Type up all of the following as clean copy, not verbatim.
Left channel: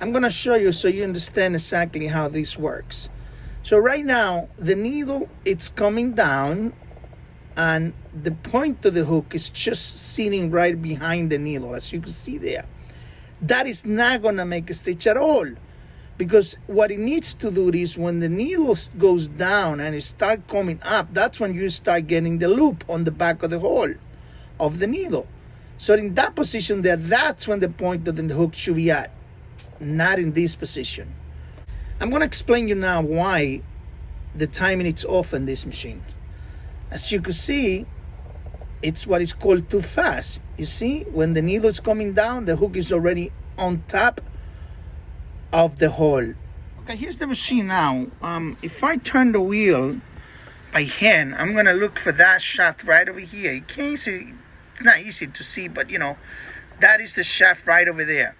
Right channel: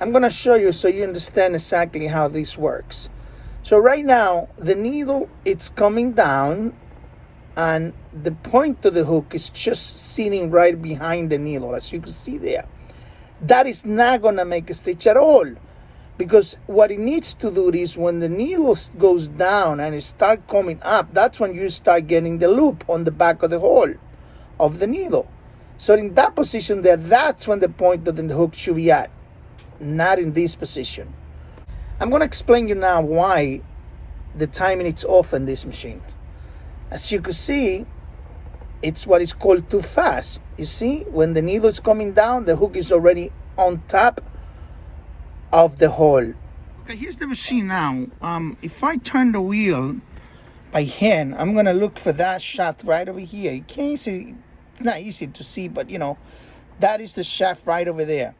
I'm going to show you so you understand exactly how this works. So right now, the needle, it's coming down, and the point of the hook is just sitting right behind the needle, as you can see there. That is not going to make a stitch at all, because what it needs to do is when the needle goes down and it start coming up, that's when you start getting the loop on the back of the hole of the needle. So in that position there, that's when the point of the hook should be at, not in this position. I'm going to explain you now why the timing is off on this machine. As you can see, it's what is called too fast. You see, when the needle is coming down, the hook is already on top of the hole. Okay, here's the machine now. If I turn the wheel by hand, I'm gonna look for that shaft right over here. You can't see, it's not easy to see, but you know, that is the shaft right over there.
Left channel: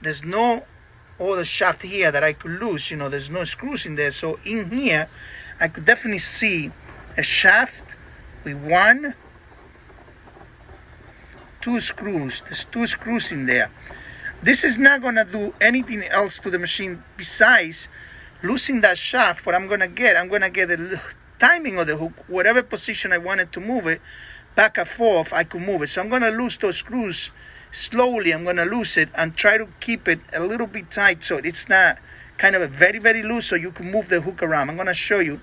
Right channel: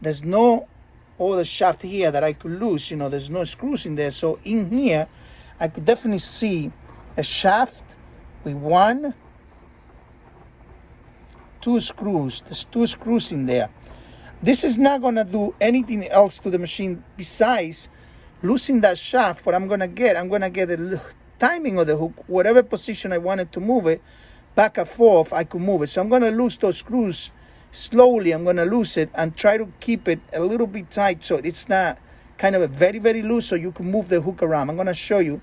There's no other shaft here that I could lose, you know, there's no screws in there. So in here, I could definitely see a shaft with 1, 2 screws. There's 2 screws in there. This is not gonna do anything else to the machine besides losing that shaft. What I'm gonna get the timing of the hook, whatever position I wanted to move it, back and forth, I could move it. So I'm gonna lose those screws slowly. I'm gonna lose it and try to keep it a little bit tight so it's not kind of a very, very loose, so you can move the hook around. I'm gonna show you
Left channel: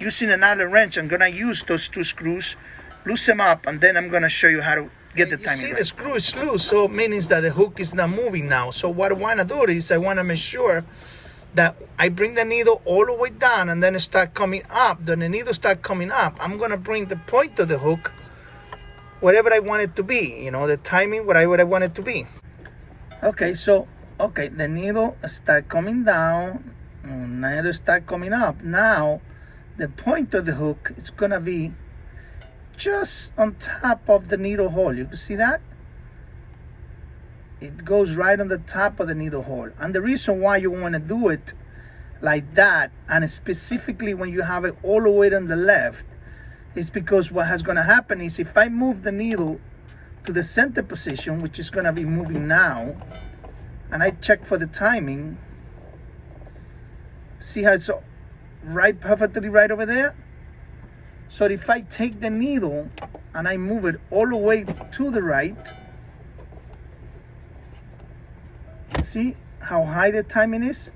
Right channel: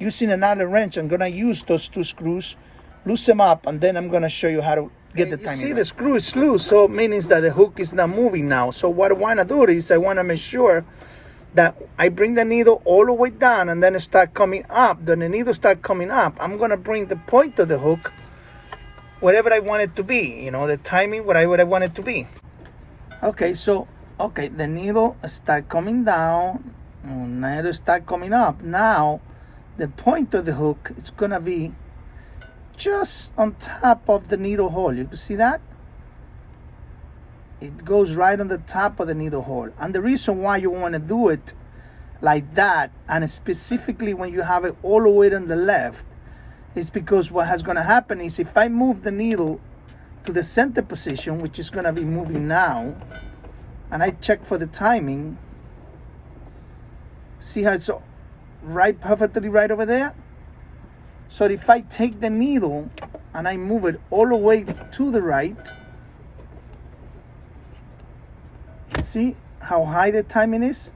using an Allen wrench. I'm gonna use those 2 screws, loose them up, and then I'm gonna show you how to get the timing. You see, the screw is loose, so it means that the hook is not moving now. So what I want to do is I want to make sure that I bring the needle all the way down and then it start coming up. Then the needle start coming up, I'm going to bring the point of the hook whatever I want it to be, you know, the timing, whatever I want it to be. Okay, so, okay, the needle start coming down, needle start coming up. Now, the point of the hook is going to be just on top of the needle hole. You can see that? It goes right on the top of the needle hole. And the reason why you want to do it like that, and specifically when you have it all the way on the left, is because what is going to happen is if I move the needle to the center position, which is going to be moving now, and I check for the timing, see how it's right, perfectly right over there? So if I take the needle and I move it all the way to the right, see how high the timing is?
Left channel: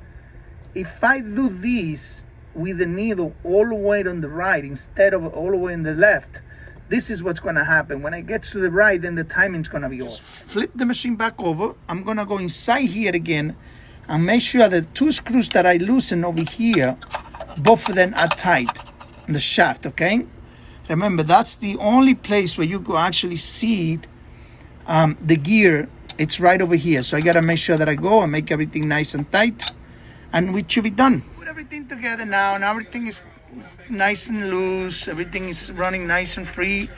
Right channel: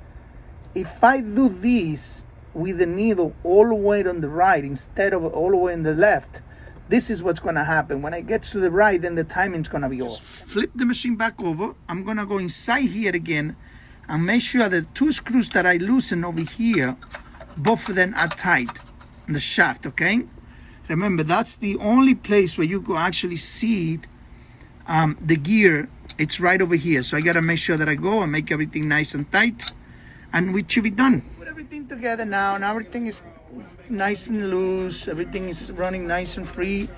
If I do this with the needle all the way on the right instead of all the way on the left, this is what's gonna happen. When it gets to the right, then the timing's gonna be off. Flip the machine back over. I'm gonna go inside here again and make sure the 2 screws that I loosen over here, both of them are tight. The shaft, okay? Remember, that's the only place where you can actually see the gear. It's right over here. So I gotta make sure that I go and make everything nice and tight, and we should be done. Put everything together now, and everything is nice and loose. Everything is running nice and free.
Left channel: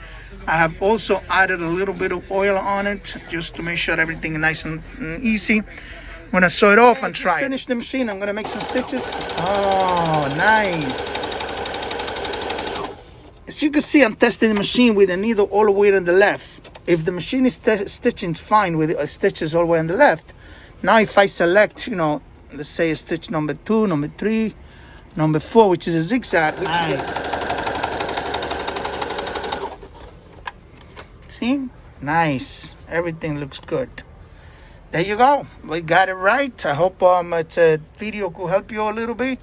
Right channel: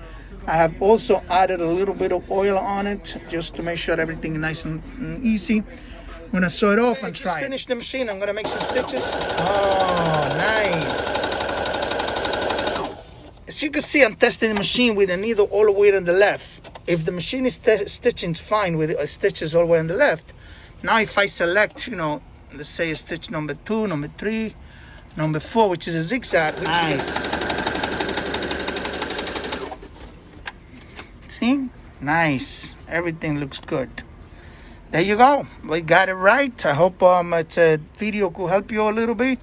I have also added a little bit of oil on it just to make sure everything is nice and easy. I'm gonna sew it off and try it. Finish the machine. I'm gonna make some stitches. Oh, nice. As you can see, I'm testing the machine with the needle all the way on the left. If the machine is stitching fine with stitches all the way on the left, now if I select, you know, let's say stitch number 2, number 3, number 4, which is a zigzag, nice. See? Nice. Everything looks good. There you go. We got it right. I hope it's a video could help you a little bit.